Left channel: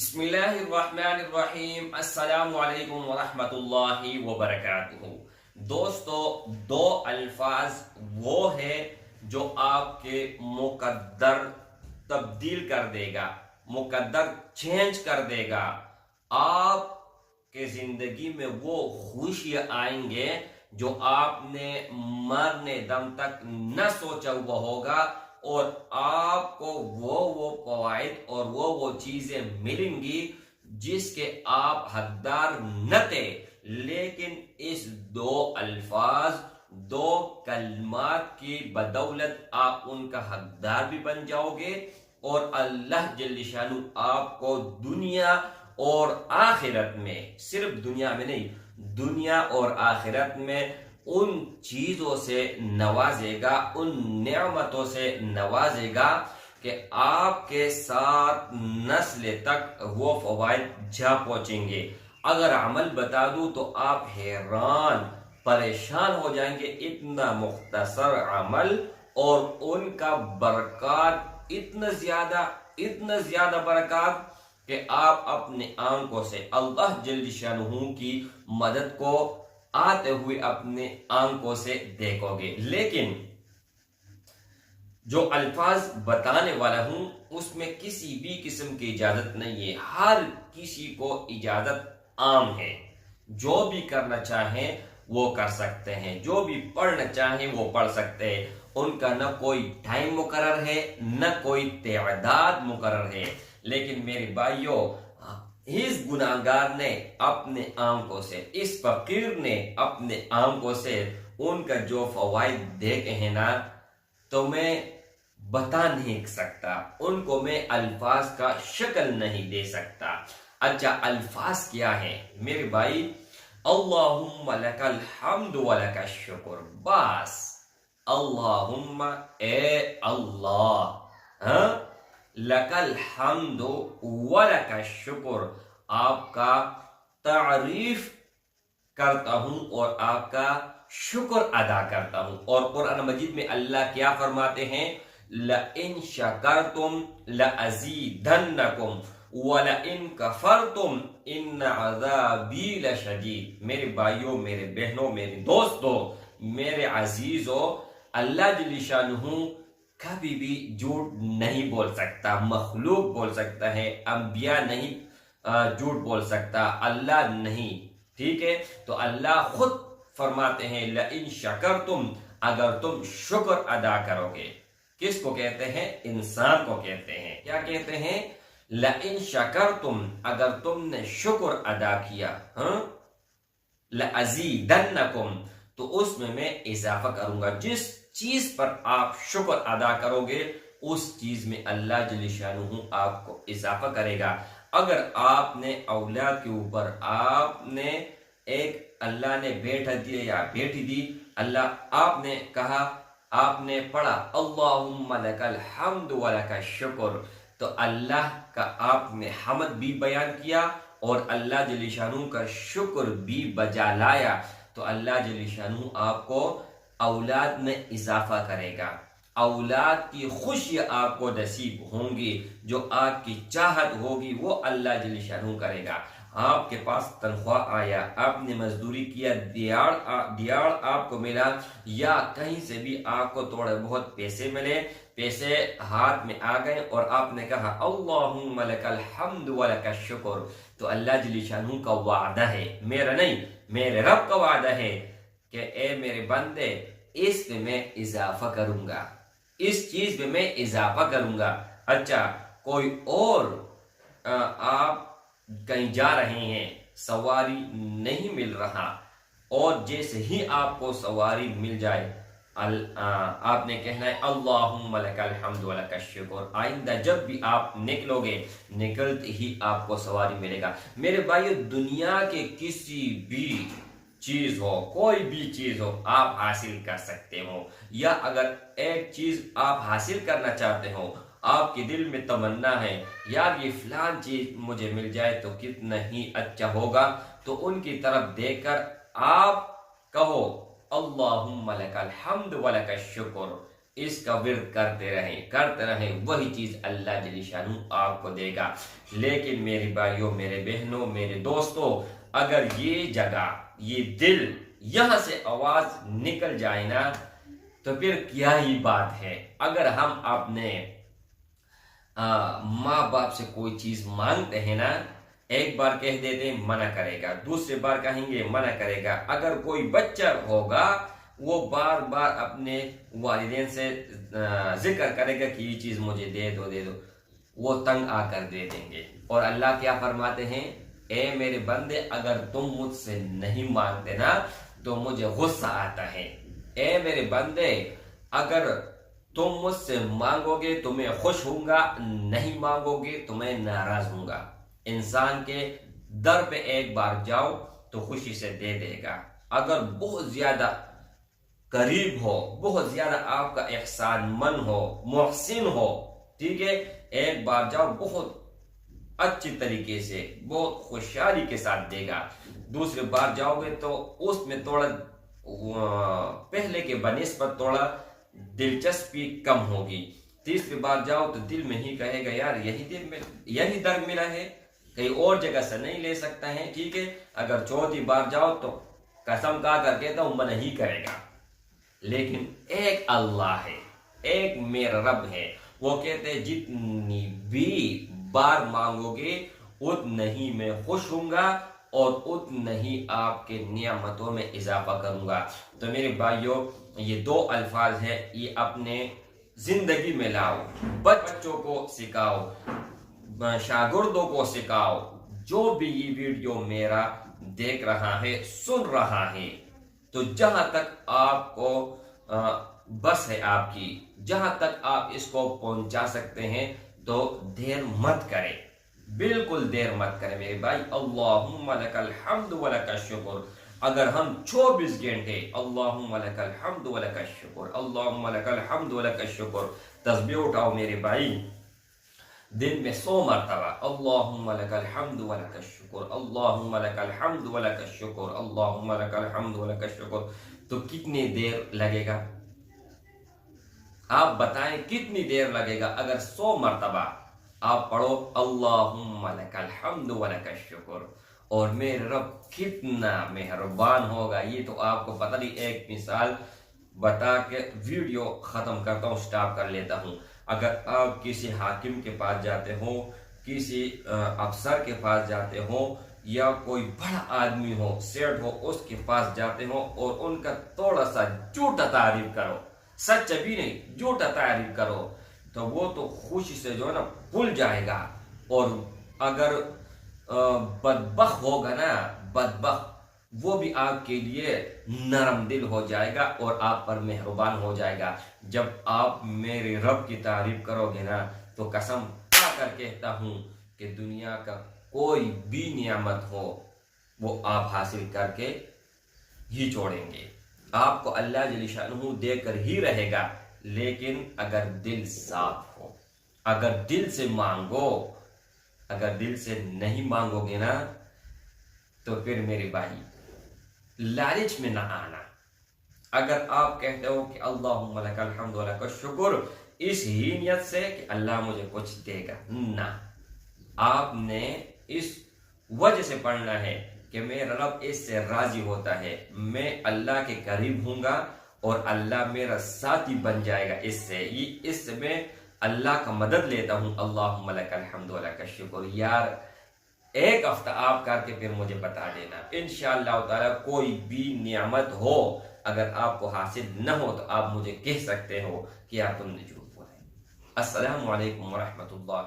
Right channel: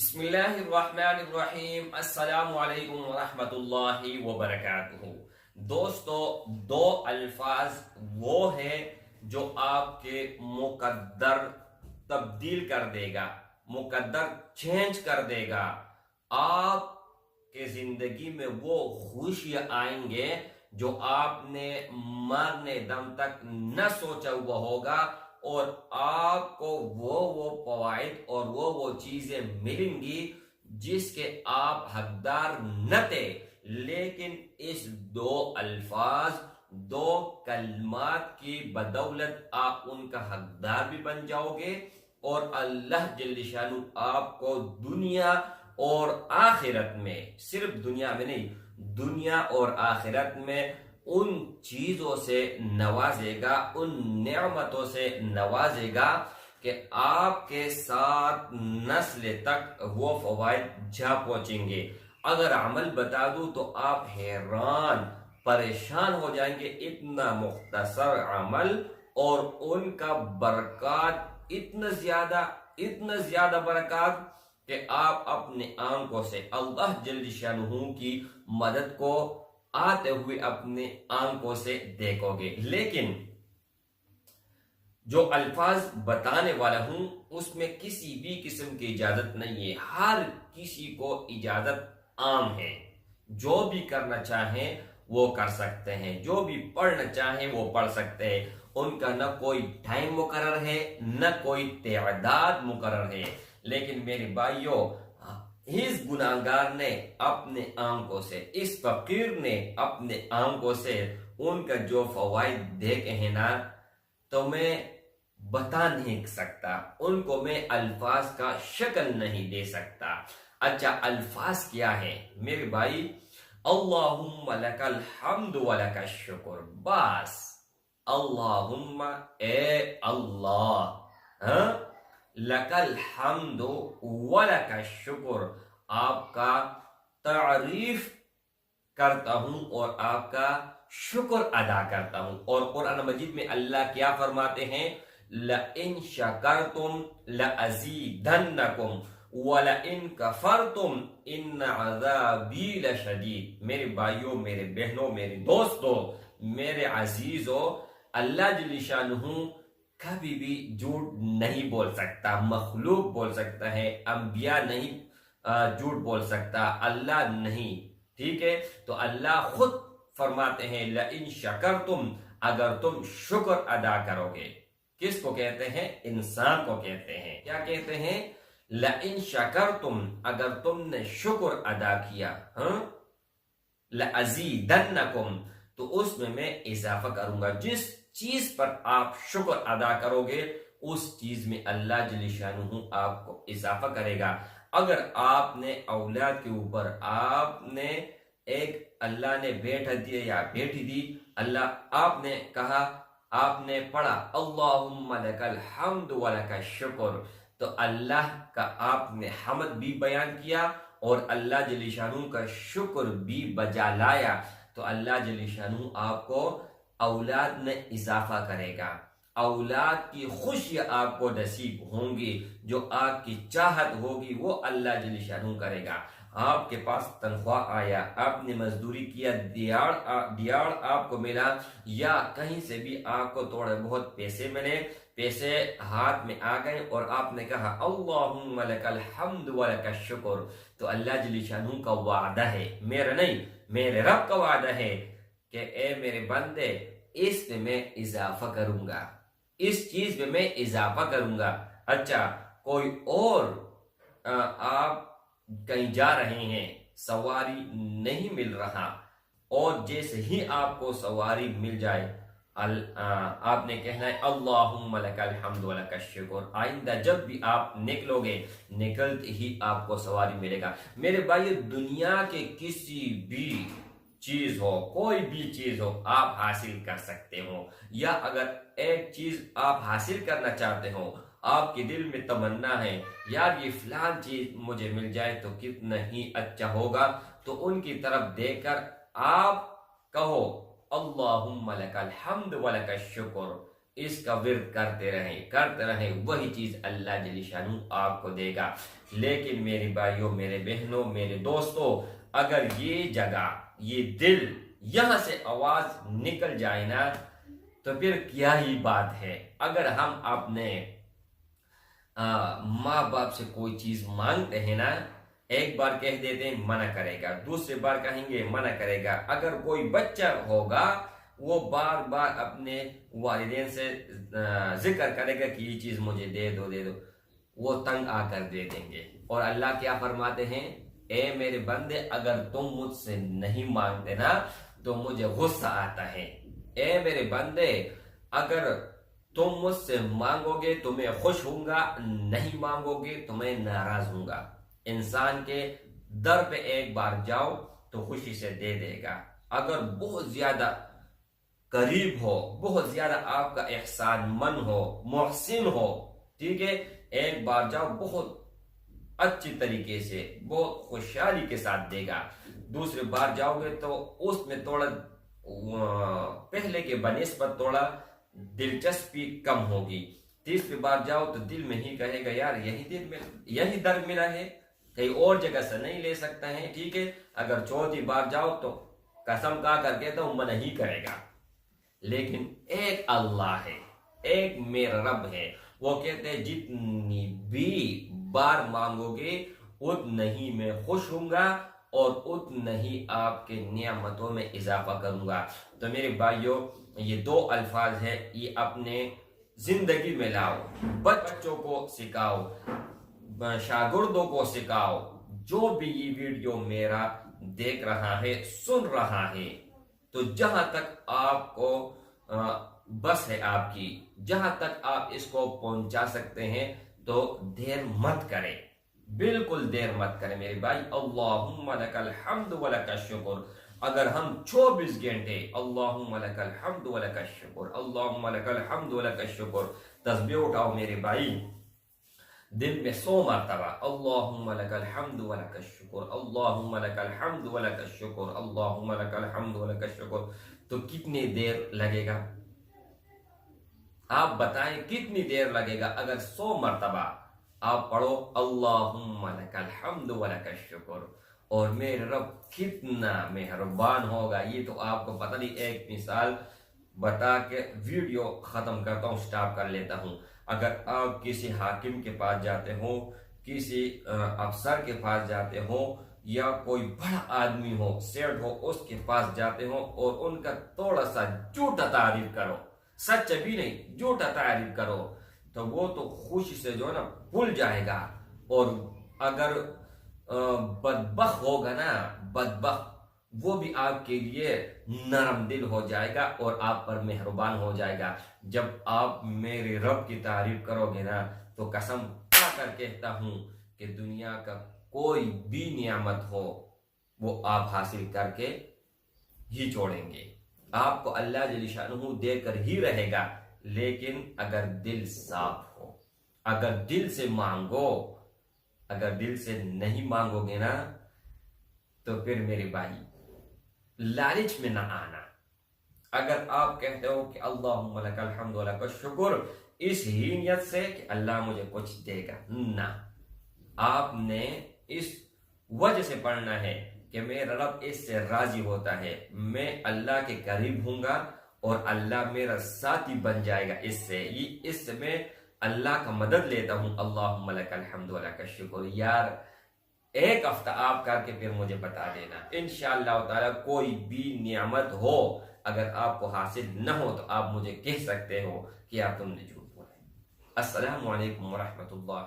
بسم اللہ الرحمن الرحیم، السلام علیکم ورحمۃ اللہ وبرکاتہ۔ دوستو، دو الفاظ وہ ہیں جو آپ کے مقدر تبدیل کر دے گا، مقدر چینج کر دے گا۔ آپ کے زندگی میں وہ خوشیاں آئیں گے جو آپ نے مرنے دم تک نہ سوچا ہوا ہوگا، اور آپ کو وہ فوائد اور وہ چیزیں ملیں گی جس کے آپ حقدار نہ تھے، لیکن اس دو الفاظ، دو کلمات کی بدولت آپ ان کا حقدار بھی بن جاؤ گے، اور اللہ جل شانہ آپ کو دنیا اور آخرت میں، صرف دنیا میں نہیں، دنیا اور آخرت میں ان چیزوں سے نوازے گا، ان نعمتوں سے نوازے گا کہ آپ کے ساتھ نسل تک وہ فوائد جا پہنچیں گے۔ اگر عمل بتا دوں تو آپ حیران پریشان ہو جائیں گے، اتنا مختصر عمل اور ان کا برکات اتنا زیادہ برکات کہ آپ اپنے آنکھوں سے اللہ جل شانہ کی مدد کو آتے ہوئے اپنے آنکھوں سے دیکھو گے۔ لیکن جو الفاظ بتانے والا ہوں اس میں کسی بھی قسم کی اجازت نہیں ہے، ہر کسی کو اجازت عام ہے۔ جو بھی کرنا چاہیں وہ کر سکتے ہیں، جو بھی پڑھنا چاہیں وہ پڑھ سکتے ہیں، ان کا نہ کوئی ٹائم مقرر ہے نہ کوئی تعداد مقرر ہے۔ لیکن میرے بھائیوں، اس گناہگار نے اپنے آنکھوں سے، اس فقیر نے اپنے آنکھوں سے ان کا جو فوائد دیکھے ہیں نا، تو میں بتا نہیں سکتا، ان کو میں الفاظ کا شکل نہیں دے سکتا۔ اچھا، الفاظ کیا ہے میرے بھائی؟ اللہم لک الحمد ولک الشکر، بس اللہم، اے اللہ، لک الحمد ولک الشکر، آپ کا تعریف کرتا ہوں اور آپ کا شکر ادا کرتا ہوں۔ اور قرآن مجید میں اللہ کیا فرماتے ہیں؟ لَإِن شَكَرْتُمْ لَأَزِيدَنَّكُمْ وَلَإِن كَفَرْتُمْ إِنَّ عَذَابِي لَشَدِيدٌ۔ میرے بھائیوں، میرے بہنوں، میرے دوستوں، میرے عزیزوں، اللہ جل شانہ کبھی بھی جھوٹ نہیں بول سکتا۔ مخلوق بول سکتا ہے، انبیاء نہیں جھوٹ بول سکتا، اللہ نہیں، ٹھیک ہے؟ تو اللہ خود فرماتے ہیں لَإِن شَكَرْتُمْ، اگر تم شکر ادا کرو گے۔ کس کو کہتے ہیں؟ انسان کو کہتے ہیں۔ کیا کہتے ہیں؟ لَإِن شَكَرْتُمْ، اگر تم نے شکر ادا کیا، لَأَزِيدَنَّكُمْ، تو اس میں اضافہ کروں گا۔ جس چیز پر آپ شکر ادا کرو گے اس چیز میں اللہ جل شانہ آپ کو اضافہ کرے گا۔ اگر آپ نے اولاد کے اوپر آپ نے ایک اللہ نے بیٹا دیا یا بیٹی دی، آپ نے کہا، آپ نے پڑھا اللہم لک الحمد ولک الشکر، تو اللہ کا آپ نے حمد بھی بیان کیا اور اللہ جل شانہ کا شکر بھی بجا لایا، تو اللہ جل شانہ آپ کو اولاد میں اضافہ کرے گا۔ اولاد کی خوشیاں آپ کو نصیب ہوں گی، جو آپ کی چاہت ہوگی وہ اللہ جل شانہ کرے گا۔ آپ کے پاس تنخواہ آیا، آپ نے مزدوری کیا، دیار آپ کو ملا، یا کہیں سے بھی آپ کو تھوڑے بہت پیسے ملے، پیسے ہاتھ میں آ گئے اور آپ نے کہا اللہم لک الحمد ولک الشکر، تو اللہ جل شانہ کا وعدہ ہے، میرا نہیں، میرے رب کا وعدہ ہے کہ اے میرے بندے، اس پہ میں اضافہ کروں گا، اس چیز پہ میں اضافہ کروں گا۔ اچھا، کوئی اور آپ کہیں جا رہے ہیں، سواری نہیں مل رہا، اور جیسے ہی آپ کو سواری مل جائے آپ نے کہنا ہے اللہم لک الحمد ولک الشکر۔ آئندہ جب بھی آپ نکلو گے، نکلتے ہی آپ کو سواری ملے گا۔ میرے بھائیو، دنیا کے کسی بھی چیز ہو، کوئی بھی چیز ہو، آپ حاصل کر سکتے ہو، یا اگر ایک چیز آپ حاصل کرنا چاہتے ہو، آپ کے دل میں تمنا ہے یار یہ فلان چیز مجھے مل جائے تو کتنا ہی اچھا ہوگا، تو ان کی طرف دیکھ کر آپ کہو اللہم لک الحمد ولک الشکر، اس کا ورد کرتے رہیں وہی چیز اللہ جل شانہ آپ کو دے گا. لیکن میرے بھائیوں، میرے بہنوں، میرے دوستوں، اگر یہ جگہ، یہ دل، یہاں سے آواز نکل جائے نا تو پھر کیا ہی بات ہے. اگر ہم اپنے ماں باپ سے کوئی چیز مانگتے ہیں نا، ایک بار کہہ دیتے ہیں منع کرے گا، دوسری بار کہیں گے منع کرے گا. اگر کوئی بچہ ہوگا وہ بار بار اپنے والدین سے ذکر کرے گا کہ یہ چیز مجھے دے دو، وہ تنگ آ کر دے دیں گے. اور اللہ کیا فرماتے ہیں؟ اے میرے بندے، اگر تم مجھ سے نہیں مانگتے نا تو مجھے غصہ آتا ہے. اے میرے بندے، اگر تم مجھ سے مانگو گے تو میں خوش ہوں گا، نہیں مانگو گے تو میں ناراض ہوں گا. انسان کے در پہ ایک بار جاؤ تو خوشی سے دے دے گا. اگر بہت زیادہ قریب ہو، بہت زیادہ آپ کا احسان من ہو، محسن ہو، ٹھیک ہے، ایک بار جاؤ بہت اچھی طریقے سے، بہت خوشحالی کے ساتھ دے گا. دوسری بار جاؤ گے تو اس میں تھوڑا پہلے کے بنسبت تھوڑا دلچسپی کم ہوگی. تیسری بار جاؤ تو دل میں ہی کہے گا یار یہی در ملا ہے، کہیں اور جگہ سے نہیں لے سکتا ہے. ٹھیک ہے، اگر چوتھی بار جاؤ تو قسم کھا کر کہتا ہوں منع ہی کرے گا. لیکن ایک اللہ ہے، ایک میرا رب ہے، وہ کہتے ہیں جتنی بھی بار مانگو گے اتنا ہی میں خوش ہوں گا اور اتنا ہی آپ کے نعمتوں میں اضافہ کروں گا. تو میرے بھائیوں، یہ دو الفاظ ہیں، یہ اپنے زندگی میں لاؤ، بچوں کو سکھاؤ، شاگردوں کو سکھاؤ. جو بھی یہ ویڈیو میرا دیکھ رہا ہے، سن رہا ہے، تو جہاں تک آپ کو بس ہے آپ کی، جہاں تک آپ اس کو پہنچا سکتے ہیں تو دیر مت کریں، بالکل دیر مت کریں میرے بھائی. اللہم لک الحمد ولک الشکر. اگر ہم 24 گھنٹے اللہم لک الحمد ولک الشکر، اللہم لک الحمد ولک الشکر تسبیح اٹھاؤ میرے بھائی، دن میں 100 مرتبہ اللہم لک الحمد ولک الشکر، اللہم لک الحمد ولک الشکر، اللہم لک الحمد ولک الشکر، تو کتنی دیر لگے گا؟ آپ بتائیں کتنی دیر لگے گا اگر 100 مرتبہ آپ پڑھو اللہم لک الحمد ولک الشکر. اور میرے رب کتنا مہربان ہوگا. یہ تو آپ کو پتہ نہیں، ایک مثال بتا کے ویڈیو ختم کرتا ہوں، سٹاپ کر لیتا ہوں. اگر آپ کسی حاکم کے پاس جاتے ہو، کسی افسر کے پاس جاتے ہو، یا کوئی بڑا آدمی ہو، سیٹ ہو، اس کے پاس جاتے ہو اور ان کا تھوڑا سا جھوٹا تعریف کرو، سچ بھی نہیں جھوٹا تعریف کرو، تو وہ تو خوشی سے جو ہے نا بھول جائے گا. اور اگر بدبخت ہوگا نا، بدبخت، وہ بھی آپ کے لیے نرم دل ہو جائے گا اور آپ پر مہربان ہو جائے گا. جب آپ میرے رب کی تعریف کرو گے نا تو قسم کھا کر کہتا ہوں کہ دنیا کا کوئی بھی نعمت ہو وہ آپ حاصل کر کے ہی چھوڑیں گے. آپ کو اللہ جل شانہ دے کر ہی رہے گا. لیکن اگر دل صاف ہو، اگر دل سے مانگو، اگر دل سے نہیں مانگو گے نا تو پھر میرے بھائی لالچ میں نہ آنا. اگر آپ کہتے ہو کہ اللہم لک الحمد ولک الشکر اس ہی نیت سے کہ اللہ مجھے کچھ دے گا، نہ، آپ نے اس وجہ سے پڑھنا ہے کہ میرا رب اس سے راضی ہوتا ہے، میں اللہ کے قریب ہوں گا اور اللہ میرا ساتھی بن جائے گا. اس سے میں اللہ کا مدد لیتا ہوں. اللہم لک الحمد ولک الشکر. یار ایک ہفتہ آپ کر کے پھر مجھے بتا دینا، انشاءاللہ تعالی کوئی بھی نعمت ہو اگر آپ کو حاصل نہ ہو تو آپ مجھے کہہ سکتے ہو کہ یار تم نے جھوٹ بولا. السلام علیکم ورحمۃ اللہ.